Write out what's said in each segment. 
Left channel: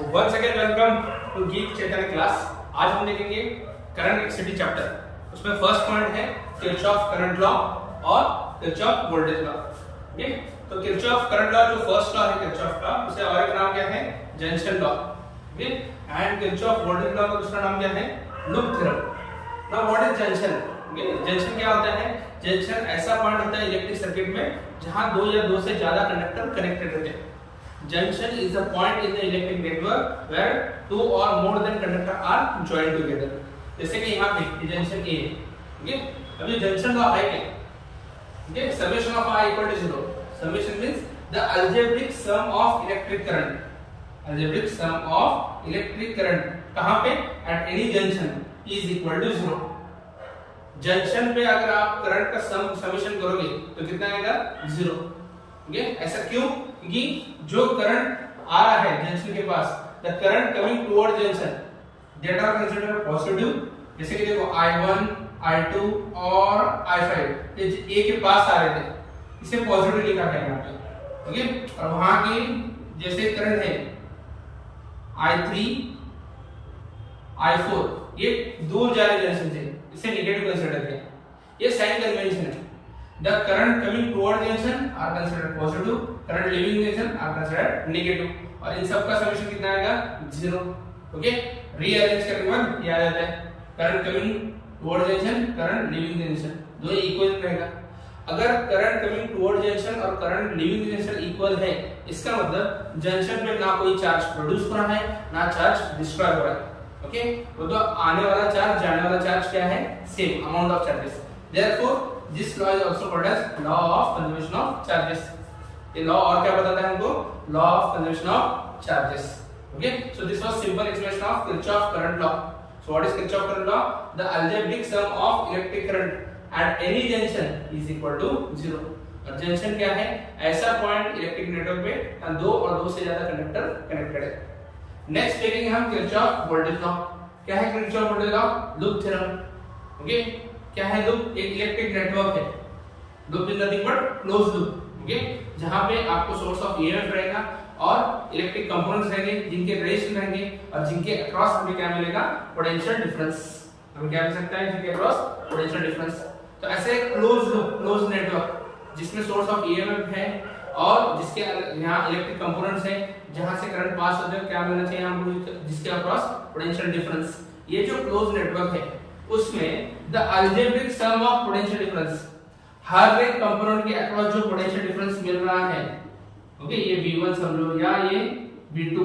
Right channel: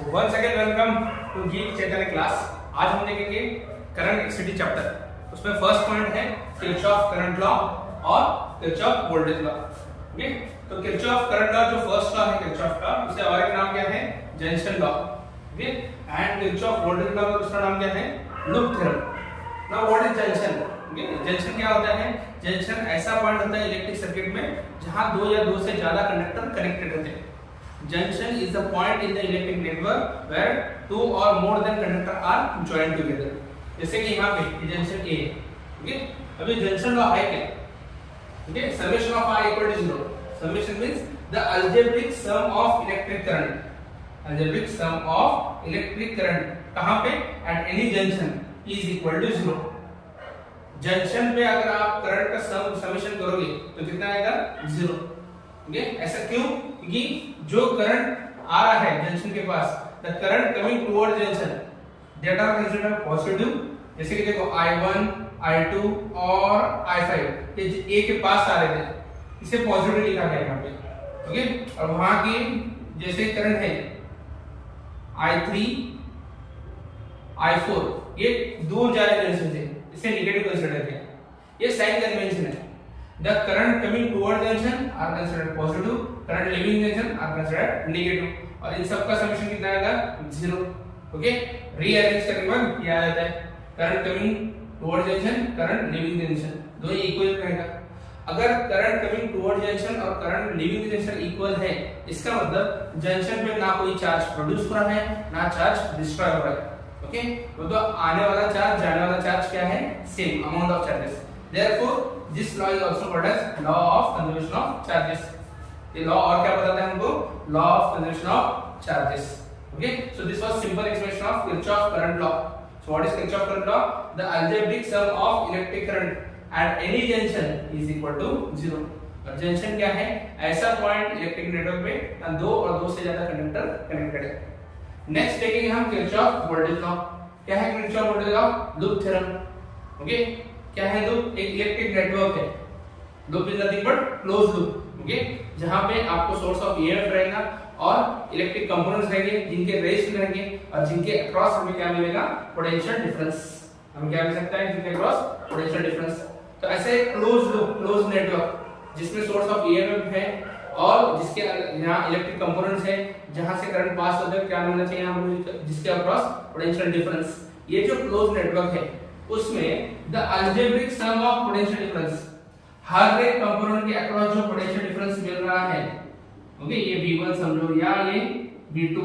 So once again welcome to Geek Chaitanya class. आज हम देखेंगे करंट इलेक्ट्रिसिटी चैप्टर। उसमें फर्स्ट पॉइंट है किरचॉफ करंट लॉ और किरचॉफ वोल्टेज लॉ। ओके, तो किरचॉफ करंट लॉ जो फर्स्ट लॉ है किरचॉफ का, उसे और एक नाम क्या है? Junction law. Okay, and Kirchhoff voltage law का दूसरा नाम क्या है? Loop theorem. Now what is junction? Okay, junction क्या होता है? जंक्शन ऐसा पॉइंट होता है इलेक्ट्रिक सर्किट में जहां दो या दो से ज्यादा कंडक्टर कनेक्टेड रहते हैं। Junction is a point in the electric network where two or more than conductor are joined together। जैसे कि यहाँ पे जंक्शन A है। ओके, अभी जंक्शन लॉ है क्या? Okay, summation of I equal to 0। Summation means the algebraic sum of electric current। Algebraic sum of electric current कहाँ पे? At any junction is equal to 0। Junction पे अगर आप current का समेशन करोगे तो कितना आएगा? 0। ओके, ऐसा क्यों? क्योंकि जो करंट आ रहा है जंक्शन के पास, the current coming toward junction that are considered positive. जैसे कि देखो I1, I2 और I5 ये A के पास आ रहे थे, इसे पॉजिटिव लिखा गया यहाँ पे। ओके, और वहां की जैसे करंट है I3, I4 ये दूर जा रहे जंक्शन से, इसे नेगेटिव कंसीडर करते हैं। ये साइन कन्वेंशन है। The current coming toward junction are considered positive, current leaving junction are considered negative, और इन सब का समेशन कितना आएगा? 0। ओके, रीअरेंज करने के बाद ये आ जाता है current coming toward junction, current leaving junction, दोनों इक्वल रहेगा। अगर करंट कमिंग टुवर्ड जंक्शन और करंट लीविंग जंक्शन इक्वल है, इसका मतलब जंक्शन पे ना कोई चार्ज प्रोड्यूस हो रहा है ना चार्ज डिस्ट्रॉय हो रहा है। ओके, तो आने वाला चार्ज जाने वाला चार्ज क्या है? Same amount of charges. Therefore this law is also called as law of conservation of charges। ये लॉ और क्या बताता है हमको? Law of conservation of charges. Okay, so this was simple explanation of Kirchhoff current law. So what is Kirchhoff current law? The algebraic sum of electric current at any junction is equal to 0। और junction क्या है? ऐसा point electric network में दो और दो से ज्यादा कंडक्टर कनेक्टेड है। नेक्स्ट देखेंगे हम किरचॉफ वोल्टेज लॉ। क्या है Kirchhoff voltage law? Loop theorem. Okay, क्या है लूप? एक इलेक्ट्रिक नेटवर्क है। Loop is nothing but close loop. Okay, जहां पे आपको सोर्स ऑफ ईएमएफ रहेगा और इलेक्ट्रिक कंपोनेंट्स रहेंगे जिनके रेजिस्टेंस रहेंगे और जिनके अक्रॉस हमें क्या मिलेगा? Potential difference. हमें क्या मिल सकता है? जिनके अक्रॉस पोटेंशियल डिफरेंस। तो ऐसे क्लोज लूप, क्लोज नेटवर्क जिसमें सोर्स ऑफ ईएमएफ है और जिसके यहाँ इलेक्ट्रिक कंपोनेंट्स है, जहां से करंट पास होता है, क्या मिलना चाहिए हमको? जिसके अक्रॉस पोटेंशियल डिफरेंस। ये जो क्लोज नेटवर्क है उसमें the algebraic sum of potential difference, हर एक कंपोनेंट के अक्रॉस जो पोटेंशियल डिफरेंस मिल रहा है, ओके, ये V1 समझो या ये V2,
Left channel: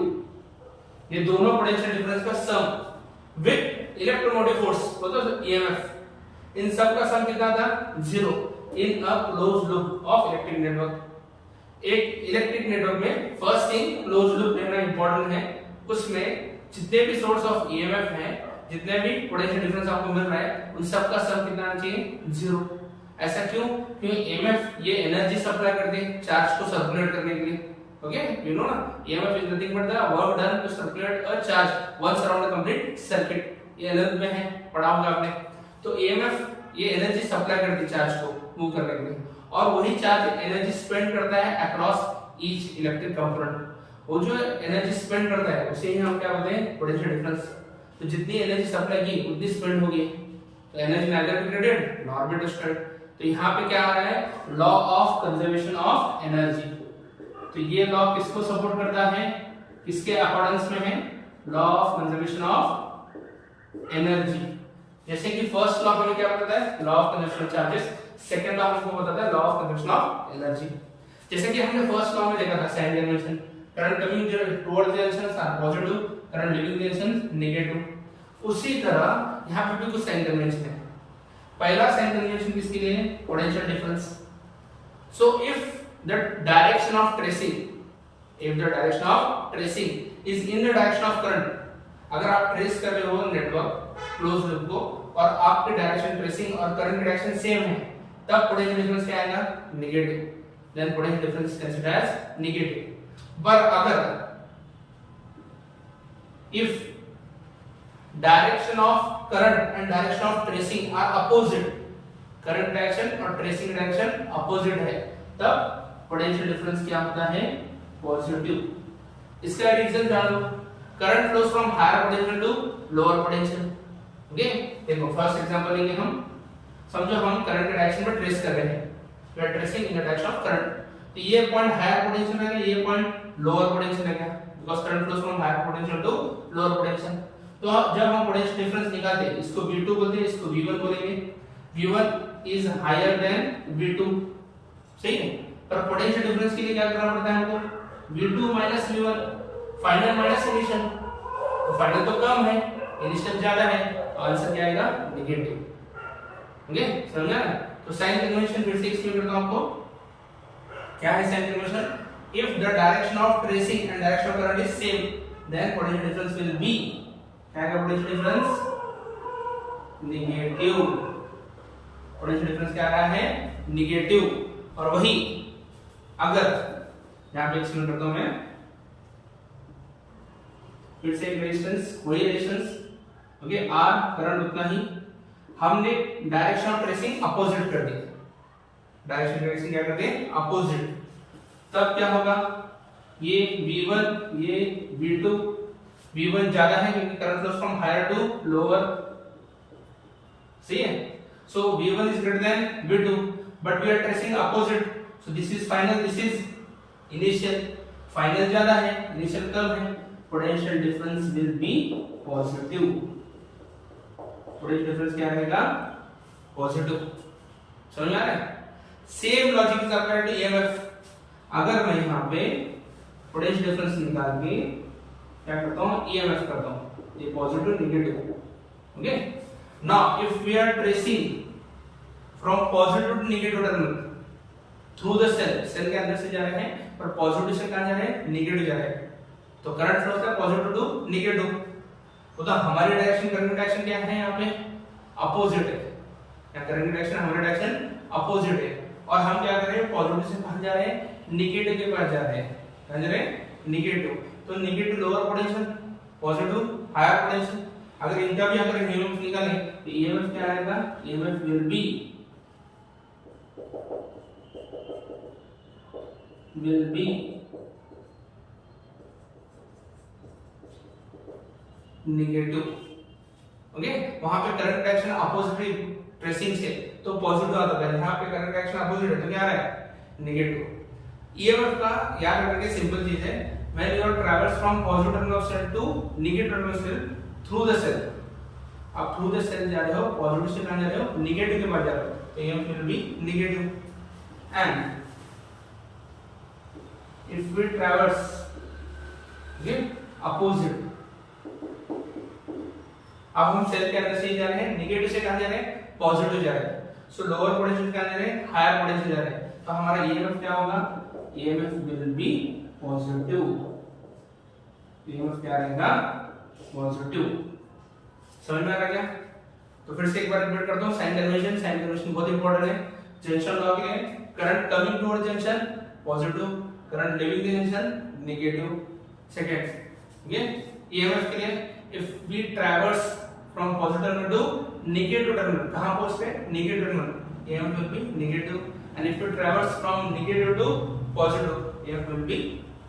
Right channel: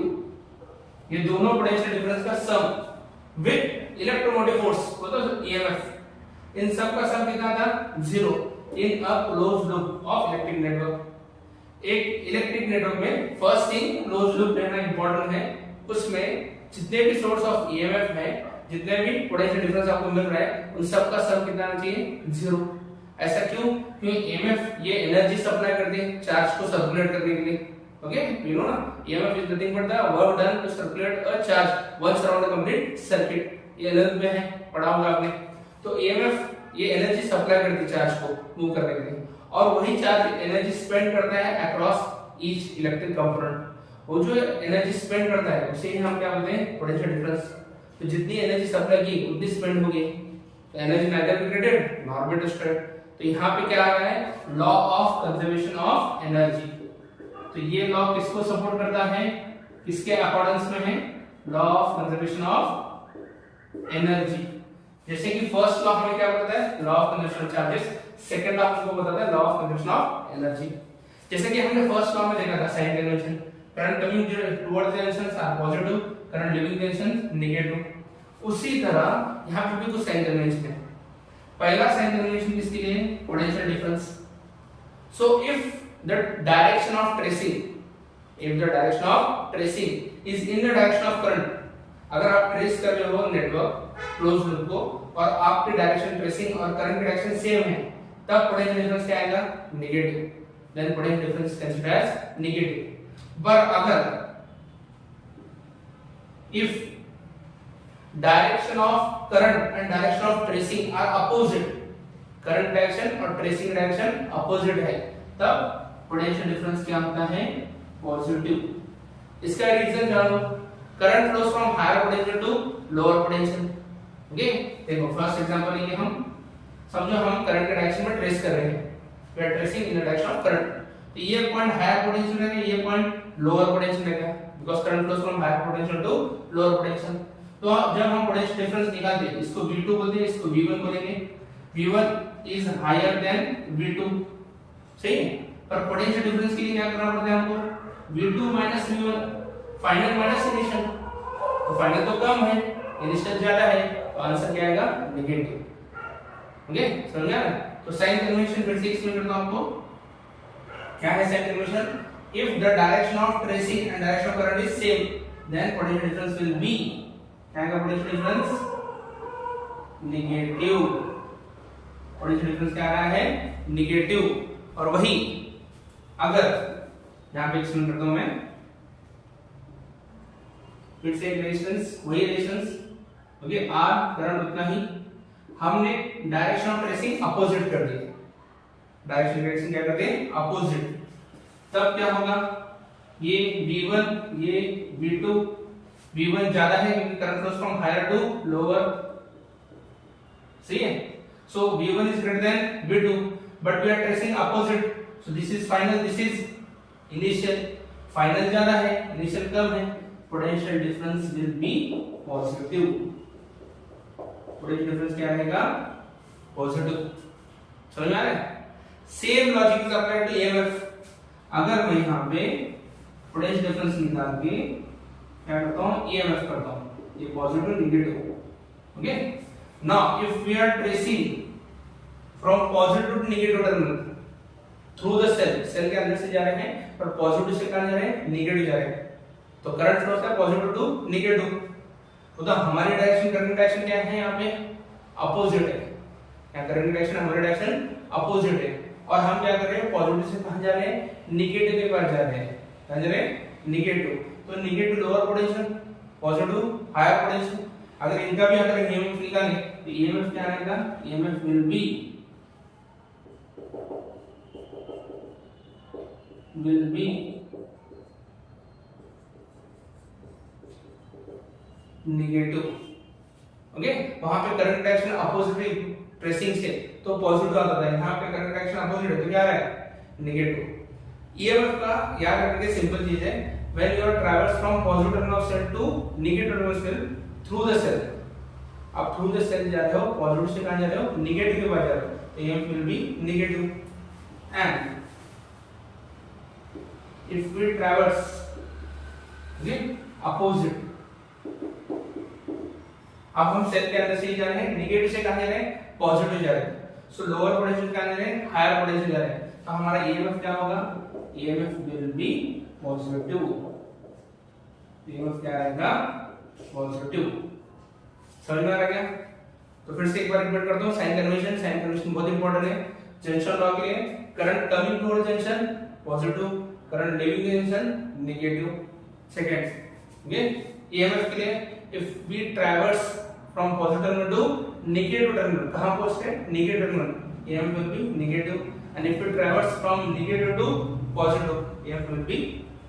ये दोनों पोटेंशियल डिफरेंस का सम विद इलेक्ट्रोमोटिव फोर्स मतलब EMF, इन सब का सम कितना था? 0 in a close loop of electric network. एक इलेक्ट्रिक नेटवर्क में फर्स्ट थिंग क्लोज लूप लेना इंपॉर्टेंट है। उसमें जितने भी सोर्स ऑफ EMF है, जितने भी पोटेंशियल डिफरेंस आपको मिल रहा है, उन सब का सम कितना आना चाहिए? 0। ऐसा क्यों? क्योंकि EMF ये एनर्जी सप्लाई करती है चार्ज को सर्कुलेट करने के लिए। ओके, यू नो ना, EMF is nothing but the work done to circulate a charge once around the complete circuit. ये 11th में है, पढ़ा होगा आपने। तो EMF ये एनर्जी सप्लाई करती है चार्ज को मूव करने के लिए, और वही चार्ज एनर्जी स्पेंड करता है अक्रॉस ईच इलेक्ट्रिक कंपोनेंट। वो जो एनर्जी स्पेंड करता है उसे ही हम क्या बोलते हैं? Potential difference. तो जितनी एनर्जी सप्लाई की उतनी स्पेंड होगी, तो energy neither be created nor be destroyed. तो यहाँ पे क्या आ रहा है? Law of conservation of energy. तो ये लॉ किसको सपोर्ट करता है? किसके अकॉर्डेंस में है? Law of conservation of energy. जैसे कि फर्स्ट लॉ हमें क्या बताता है? Law of conservation of charges. Second law हमको बताता है law of conservation of energy. जैसे कि हमने फर्स्ट लॉ में देखा था sign convention, current coming towards junctions are positive, current leaving junction negative. उसी तरह यहाँ पे भी कुछ साइन कन्वेंशन है। पहला साइन कन्वेंशन किसके लिए? Potential difference. So if the direction of tracing, if the direction of tracing is in the direction of current, अगर आप ट्रेस कर रहे हो नेटवर्क क्लोज लूप को और आपके डायरेक्शन ट्रेसिंग और करंट की डायरेक्शन सेम है, तब पोटेंशियल डिफरेंस क्या आएगा? Negative. Then potential difference considered as negative. पर अगर if direction of current and direction of tracing are opposite, current direction और tracing direction opposite है, तब potential difference क्या होता है? पॉजिटिव। इसका रीजन जानो। Current flows from higher potential to lower potential. Okay, देखो फर्स्ट एग्जांपल लेंगे हम। समझो हम करंट के डायरेक्शन में ट्रेस कर रहे हैं, we are tracing in the direction of current. तो ये पॉइंट हायर पोटेंशियल है, ये पॉइंट लोअर पोटेंशियल है, because current flows from higher potential to lower potential. तो जब हम पोटेंशियल डिफरेंस निकालते हैं, इसको V2 बोलते हैं, इसको V1 बोलेंगे। V1 is higher than V2, सही है। पर पोटेंशियल डिफरेंस के लिए क्या करना पड़ता है हमको? V2 minus V1, final minus initial. तो फाइनल तो कम है, इनिशियल ज्यादा है, तो आंसर क्या आएगा? नेगेटिव। ओके, समझ में आया? तो साइन कन्वेंशन फिर से एक्सप्लेन करता हूं आपको। क्या है sign convention? If the direction of tracing and direction of current is same, then potential difference will be, क्या है potential difference? Negative. Potential difference क्या आ रहा है? नेगेटिव। और वही अगर, यहां पे एक्सप्लेन करता हूं मैं, फिर से रेजिस्टेंस, वही रेजिस्टेंस, ओके, आर, करंट उतना ही, हमने डायरेक्शन ऑफ ट्रेसिंग अपोजिट कर दिया। डायरेक्शन ट्रेसिंग क्या कर दिए? अपोजिट। तब क्या होगा? ये V1, ये V2, V1 ज्यादा है क्योंकि current flows from higher to lower, सही है। So V1 is greater than V2, but we are tracing opposite, so this is final, this is initial. Final ज्यादा है, इनिशियल कम है, potential difference will be positive. Potential difference क्या रहेगा? Positive. समझ में आ रहा है? Same logic is applied to EMF। अगर मैं यहां पे पोटेंशियल डिफरेंस निकाल के क्या करता हूं? EMF करता हूं, ये positive negative. Okay, now if we are tracing from positive to negative terminal through the cell, cell के अंदर से जा रहे हैं, पर पॉजिटिव से कहां जा रहे हैं? नेगेटिव जा रहे हैं। तो करंट फ्लो है पॉजिटिव टू नेगेटिव। तो हमारी डायरेक्शन, करंट की डायरेक्शन क्या है? यहाँ पे अपोजिट है। क्या करंट की डायरेक्शन? हमारी डायरेक्शन अपोजिट है। और हम क्या कर रहे हैं? पॉजिटिव से कहां जा रहे हैं? नेगेटिव के पास जा रहे हैं। कहां जा रहे हैं? नेगेटिव। तो negative lower potential, positive higher potential. अगर इनका भी अगर EMF निकालें तो EMF क्या आएगा? EMF will be negative. Okay, वहां पे करंट डायरेक्शन अपोजिट ट्रेसिंग से तो पॉजिटिव आता था, यहाँ पे करंट डायरेक्शन अपोजिट है तो क्या आ रहा है? नेगेटिव। EMF का याद रखने की सिंपल चीज है, when you are travels from positive terminal of cell to negative terminal cell through the cell, आप थ्रू द सेल जा रहे हो, पॉजिटिव से कहां जा रहे हो? नेगेटिव के पास जा रहे हो, तो EMF will be negative. And if we traverse opposite, अब हम सेल के अंदर से ही जा रहे हैं, नेगेटिव से कहां जा रहे हैं? पॉजिटिव जा रहे हैं। सो लोअर पोटेंशियल कहां जा रहे हैं? हायर पोटेंशियल जा रहे हैं। तो हमारा EMF क्या होगा? EMF will be positive. EMF क्या रहेगा? पॉजिटिव। समझ में आ रहा है क्या? तो फिर से एक बार रिपीट करता हूं, साइन कन्वेंशन। साइन कन्वेंशन बहुत इंपॉर्टेंट है जंक्शन लॉ के लिए। Current coming toward junction positive, current leaving junction negative. Second, okay, EMF के लिए if we traverse from positive terminal to negative terminal, कहां पहुंचते हैं? Negative terminal, EMF will be negative. And if we traverse from negative to positive, EMF will be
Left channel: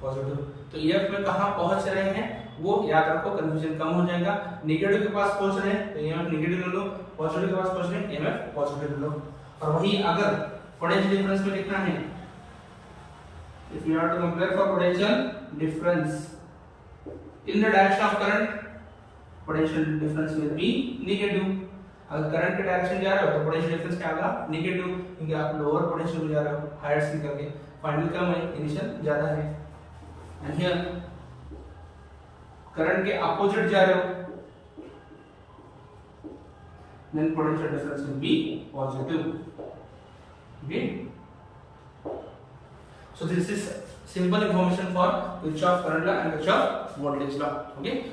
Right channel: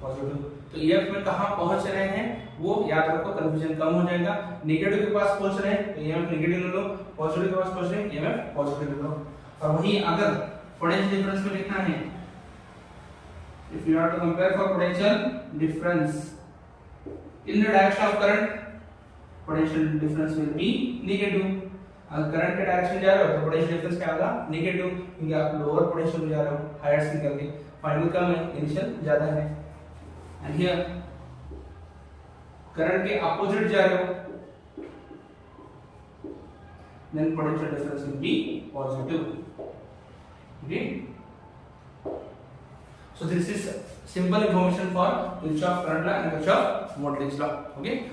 positive. तो EMF में कहां पहुंच रहे हैं वो याद रखो, कंफ्यूजन कम हो जाएगा। नेगेटिव के पास पहुंच रहे हैं तो EMF नेगेटिव ले लो, पॉजिटिव के पास पहुंच रहे हैं EMF पॉजिटिव ले लो। और वही अगर पोटेंशियल डिफरेंस में लिखना है, if you are to compare for potential difference in the direction of current, potential difference will be negative. अगर करंट के डायरेक्शन जा रहे हो तो पोटेंशियल डिफरेंस क्या होगा? नेगेटिव, क्योंकि आप लोअर पोटेंशियल में जा रहे हो, हायर से निकल के। फाइनल कम है, इनिशियल ज्यादा है। एंड हियर करंट के अपोजिट जा रहे हो, then potential difference will be positive. Okay, so this is simple information for Kirchhoff current law and Kirchhoff voltage law. Okay.